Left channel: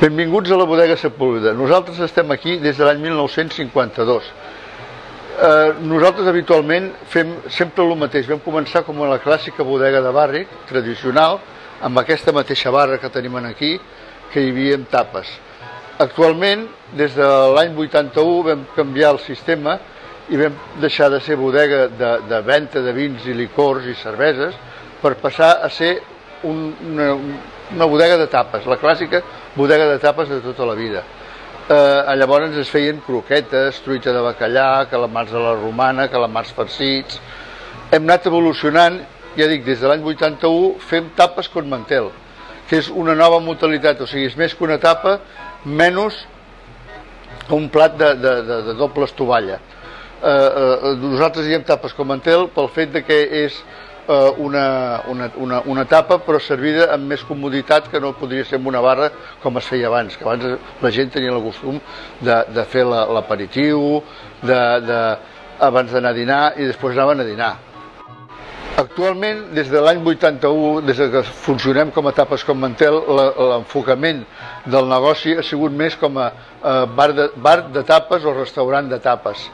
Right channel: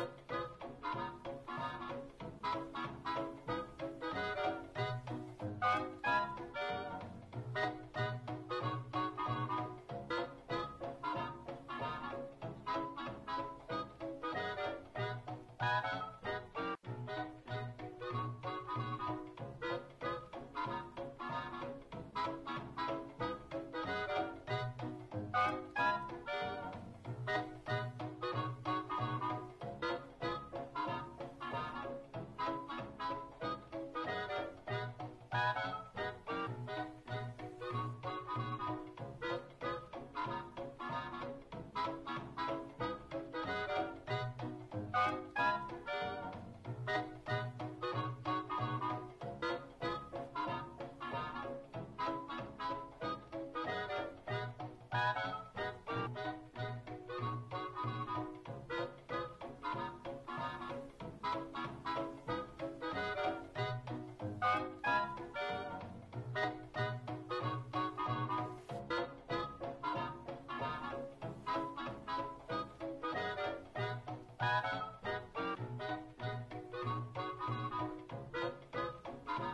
Benvinguts a la bodega Sepúlveda. Nosaltres estem aquí des de l'any 1952. Nosaltres habitualment fem sempre el mateix. Vam començar com a la clàssica bodega de barri, tradicional, amb aquesta mateixa barra que tenim aquí, que hi havia tapes. Actualment, des de l'any 81, vam canviar el sistema i vam deixar de ser bodega de venda de vins i licors i cerveses per passar a ser una bodega de tapes, la clàssica bodega de tapes de tota la vida. Llavors es feien croquetes, truita de bacallà, calamars a la romana, calamars farcits. Hem anat evolucionant, ja dic, des de l'any 81 fem tapes con mantel, que és una nova modalitat, o sigui, és més que una tapa, menys un plat de doble estovalla. Nosaltres diem tapes con mantel pel fet que és una tapa però servida amb més comoditat que no podria ser en una barra com es feia abans, que abans la gent tenia el costum de fer l'aperitiu, abans d'anar a dinar i després anaven a dinar. Actualment, des de l'any 81, des que funcionem com a tapes com mantel, l'enfocament del negoci ha sigut més com a bar de tapes o restaurant de tapes.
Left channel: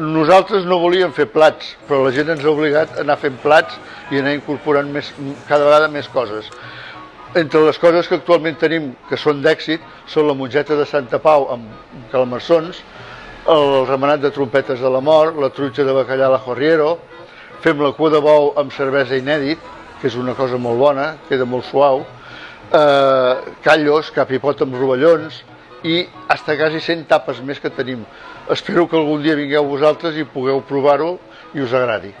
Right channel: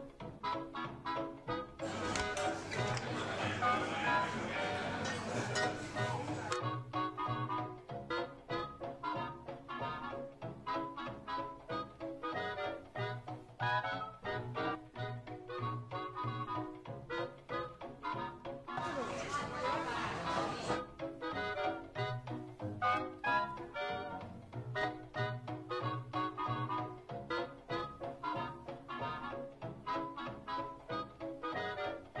Nosaltres no volíem fer plats, però la gent ens ha obligat a anar fent plats i anar incorporant cada vegada més coses. Entre les coses que actualment tenim que són d'èxit són la mongeta de Santa Pau amb calamarsons, el remenat de trompetes de la mort, la truita de bacallà a la Jorriero, fem la cua de bou amb cervesa inèdit, que és una cosa molt bona, queda molt suau, callos, cap i pot amb rovellons i fins quasi 100 tapes més que tenim. Espero que algun dia vingueu vosaltres i pugueu provar-ho i us agradi.